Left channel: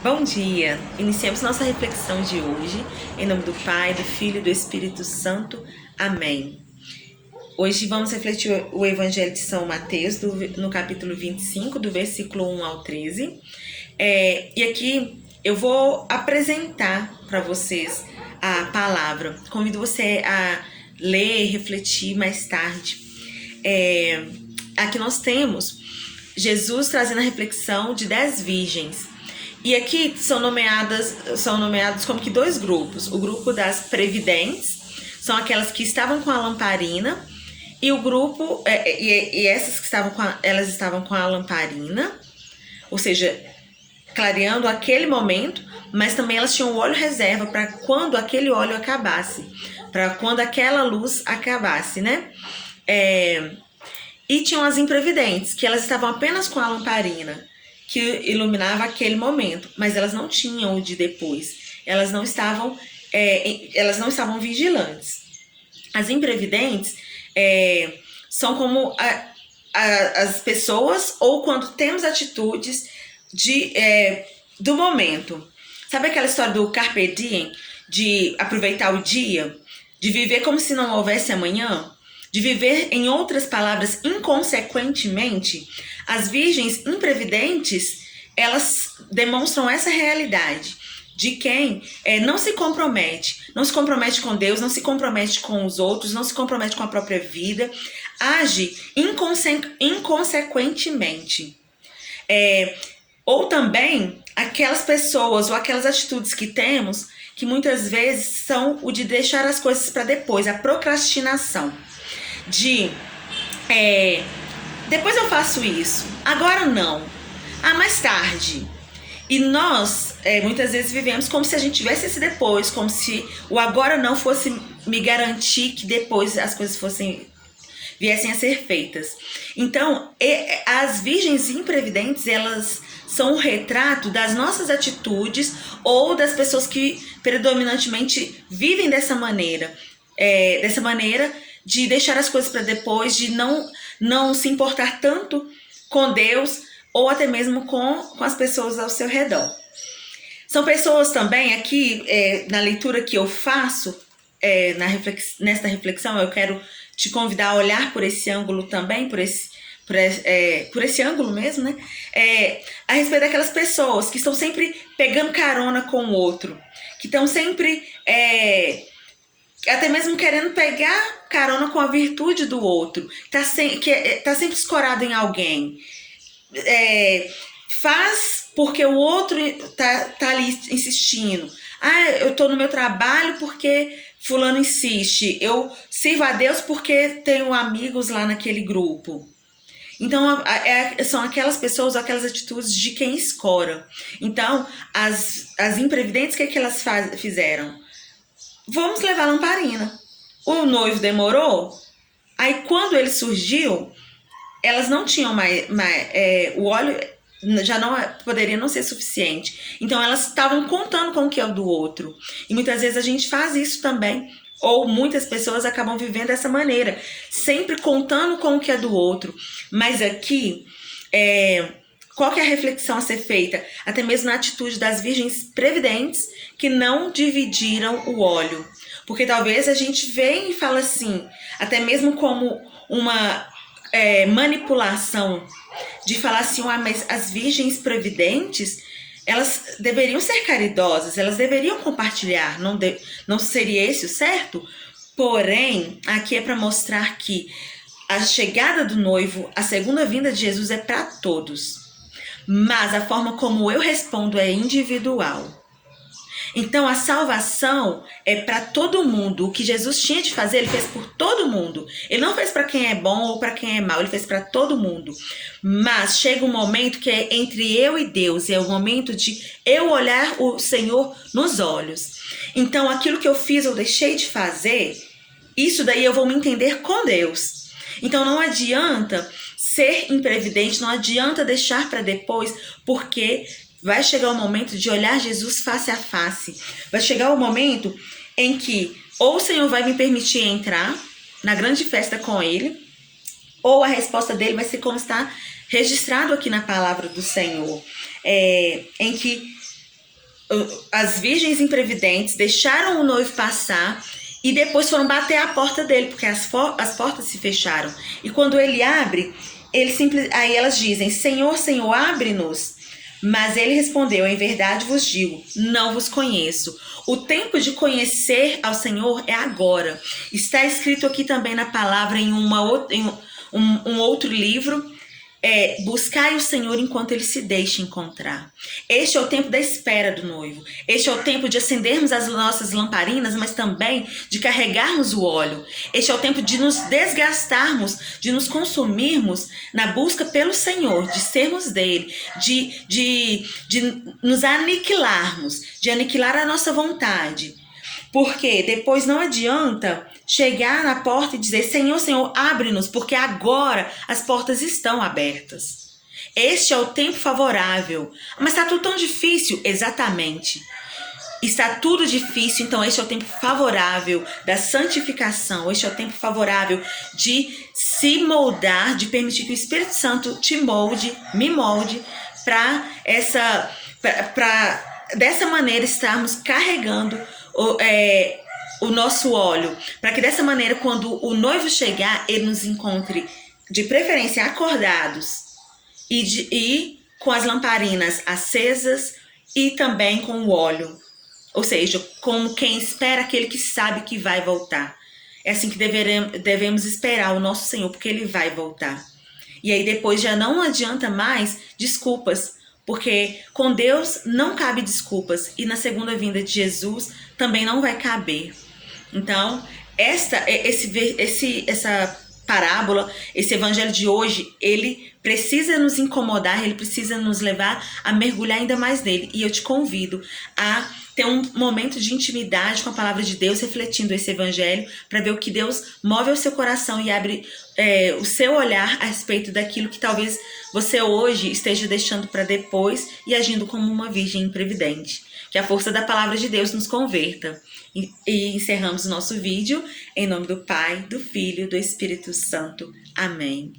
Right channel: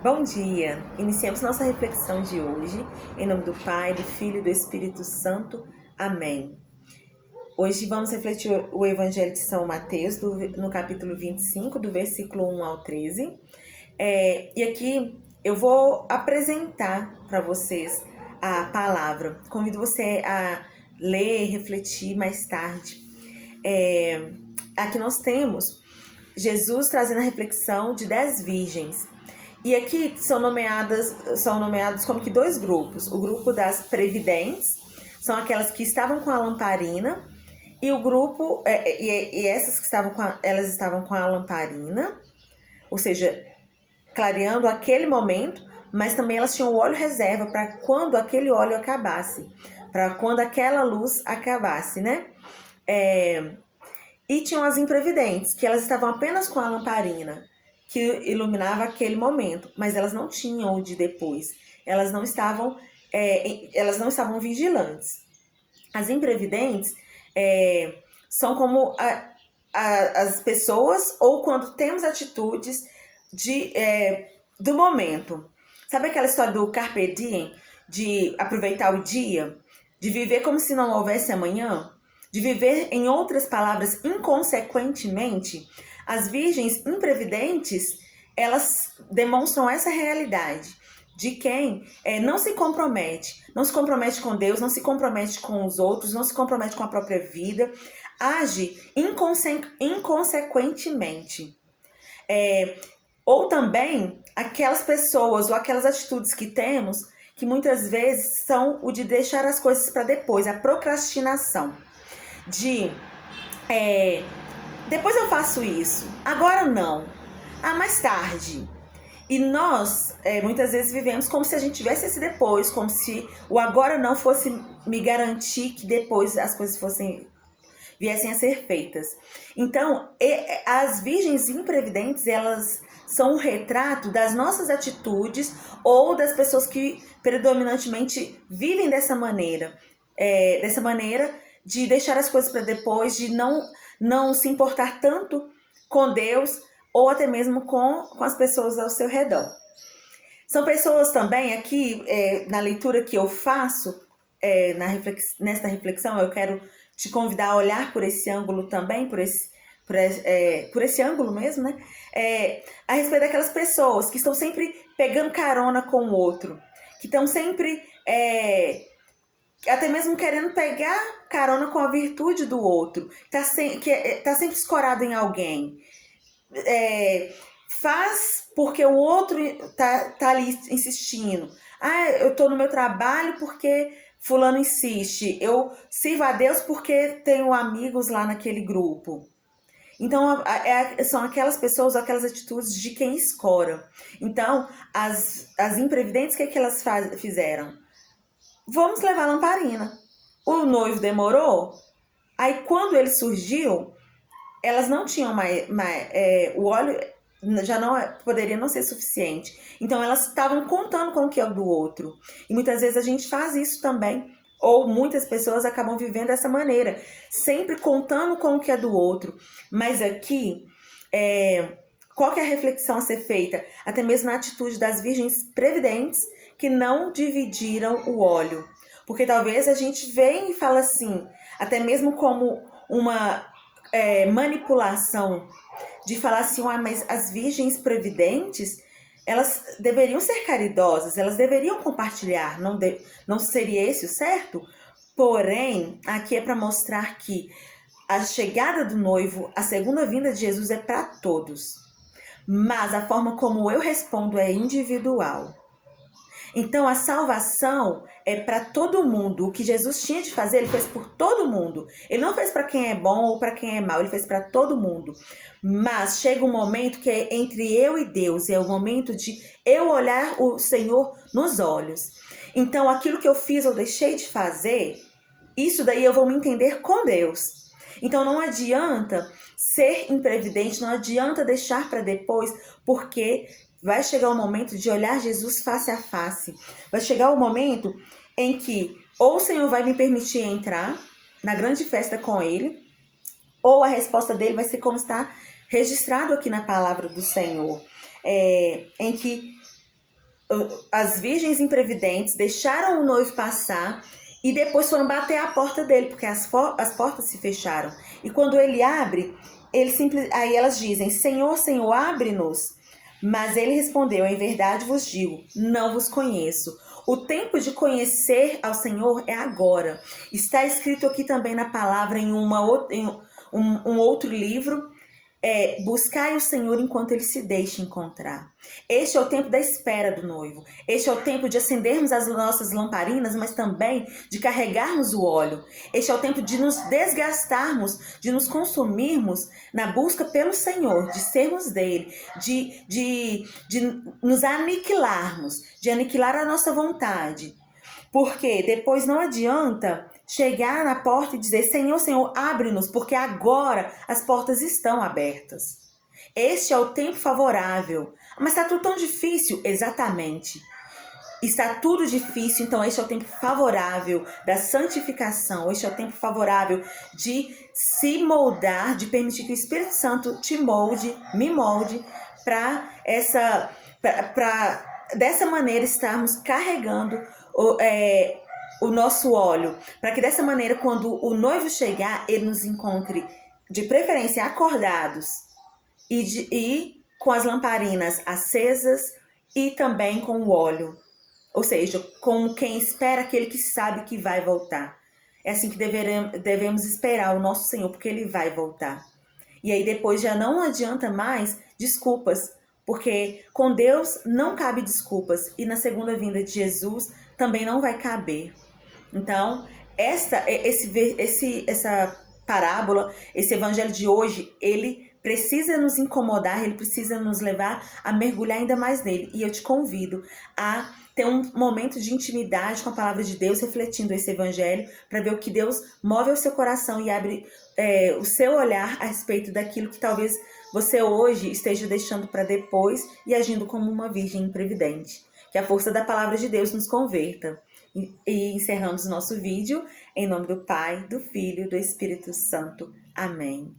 Bom dia! Iniciamos nossa reflexão de hoje, em nome do Pai, do Filho e do Espírito Santo. Amém. Hoje vamos refletir o Evangelho de São Mateus, no capítulo 25, do versículo 1 ao 13. E aqui eu vou apresentar para vocês a palavra. Convido você a ler e refletir mais tarde. Aqui nós temos Jesus trazendo a reflexão de 10 virgens. E aqui são nomeados como que dois grupos. O grupo das previdentes, são aquelas que estavam com a lamparina, e o grupo, essas que elas estavam com a lamparina, ou seja, clareando aquele momento, mas também elas tinham óleo reserva para quando aquele óleo acabasse, para quando aquela luz acabasse, né? E tinham as imprevidentes, que elas estavam apenas com a lamparina, que iluminava aquele momento, mas elas não tinham o de depois. Elas não estavam vigilantes. As imprevidentes são como as pessoas, ou quando temos atitudes do momento. Sabe aquela história do carpe diem, de aproveitar o dia, de viver como se não houvesse amanhã? De viver, em outras palavras, inconsequentemente? As virgens imprevidentes, elas demonstram essa realidade de quem não se compromete com Deus, não se compromete com os outros, não se compromete com a própria vida, age inconsequentemente. Ou também aquelas pessoas ou aquelas atitudes que temos que muitas vezes são o de deixar as coisas para depois, a procrastinação. Depois eu faço isso, agora não, mais tarde. E nós muitas vezes vivemos como se a gente tivesse esse depois, como se o agora não fosse me garantir que depois as coisas viessem a ser feitas. Então, as virgens imprevidentes, elas são o retrato das nossas atitudes ou das pessoas que predominantemente vivem dessa maneira de deixar as coisas para depois, de não se importar tanto com Deus ou até mesmo com as pessoas ao seu redor. São pessoas também, aqui na leitura que eu faço, nesta reflexão, eu quero te convidar a olhar por esse ângulo também, por esse ângulo mesmo, né? A respeito daquelas pessoas que estão sempre pegando carona com o outro, que estão sempre até mesmo querendo pegar carona com a virtude do outro, tá sempre escorado em alguém. Faz porque o outro tá ali insistindo. Eu tô no meu trabalho porque fulano insiste. Eu sirvo a Deus porque tenho amigos lá naquele grupo. Então, são aquelas pessoas, aquelas atitudes de quem escora. Então, as imprevidentes, o que elas fizeram? Vamos levar a lamparina. O noivo demorou, aí quando ele surgiu, elas não tinham mais o óleo já não poderia não ser suficiente. Então elas estavam contando com o que é o do outro. E muitas vezes a gente faz isso também, ou muitas pessoas acabam vivendo dessa maneira, sempre contando com o que é do outro. Mas aqui, qual que é a reflexão a ser feita? Até mesmo na atitude das virgens previdentes que não dividiram o óleo. Porque talvez a gente venha e fala assim, até mesmo como uma manipulação, de falar assim, mas as virgens previdentes, elas deveriam ser caridosas, elas deveriam compartilhar, não seria esse o certo? Porém, aqui é para mostrar que a chegada do noivo, a segunda vinda de Jesus é para todos, mas a forma como eu respondo é individual. Então a salvação é para todo mundo. O que Jesus tinha de fazer, ele fez por todo mundo. Ele não fez para quem é bom ou para quem é mau, ele fez para todo mundo. Mas chega um momento que é entre eu e Deus, é o momento de eu olhar o Senhor nos olhos. Então aquilo que eu fiz ou deixei de fazer, isso daí eu vou me entender com Deus. Então não adianta ser imprevidente, não adianta deixar para depois, porque vai chegar o momento de olhar Jesus face a face. Vai chegar o momento em que ou o Senhor vai me permitir entrar na grande festa com Ele, ou a resposta dele vai ser como está registrado aqui na palavra do Senhor, em que as virgens imprevidentes deixaram o noivo passar e depois foram bater a porta dele, porque as portas se fecharam. E quando ele abre, aí elas dizem: Senhor, Senhor, abre-nos. Mas ele respondeu: em verdade vos digo, não vos conheço. O tempo de conhecer ao Senhor é agora. Está escrito aqui também na palavra em um outro livro: buscai o Senhor enquanto ele se deixa encontrar. Este é o tempo da espera do noivo. Este é o tempo de acendermos as nossas lamparinas, mas também de carregarmos o óleo. Este é o tempo de nos desgastarmos, de nos consumirmos na busca pelo Senhor, de sermos dele, de nos aniquilarmos, de aniquilar a nossa vontade. Porque depois não adianta chegar na porta e dizer: Senhor, Senhor, abre-nos, porque agora as portas estão abertas. Este é o tempo favorável. Mas está tudo tão difícil? Exatamente. Está tudo difícil, então este é o tempo favorável da santificação. Este é o tempo favorável de se moldar, de permitir que o Espírito Santo te molde, me molde, para dessa maneira estarmos carregando o nosso óleo, para que dessa maneira, quando o noivo chegar, ele nos encontre de preferência acordados e com as lamparinas acesas e também com o óleo, ou seja, como quem espera aquele que sabe que vai voltar. É assim que devemos esperar o nosso Senhor, porque ele vai voltar. E aí depois já não adianta mais desculpas, porque com Deus não cabe desculpas, e na segunda vinda de Jesus também não vai caber. Então, essa parábola, esse evangelho de hoje, ele precisa nos incomodar, ele precisa nos levar a mergulhar ainda mais nele. E eu te convido a ter um momento de intimidade com a palavra de Deus, refletindo esse evangelho, para ver o que Deus move ao seu coração e abre o seu olhar a respeito daquilo que talvez você hoje esteja deixando para depois e agindo como uma virgem imprevidente. Que a força da palavra de Deus nos converta. E encerramos o nosso vídeo em nome do Pai, do Filho e do Espírito Santo. Amém.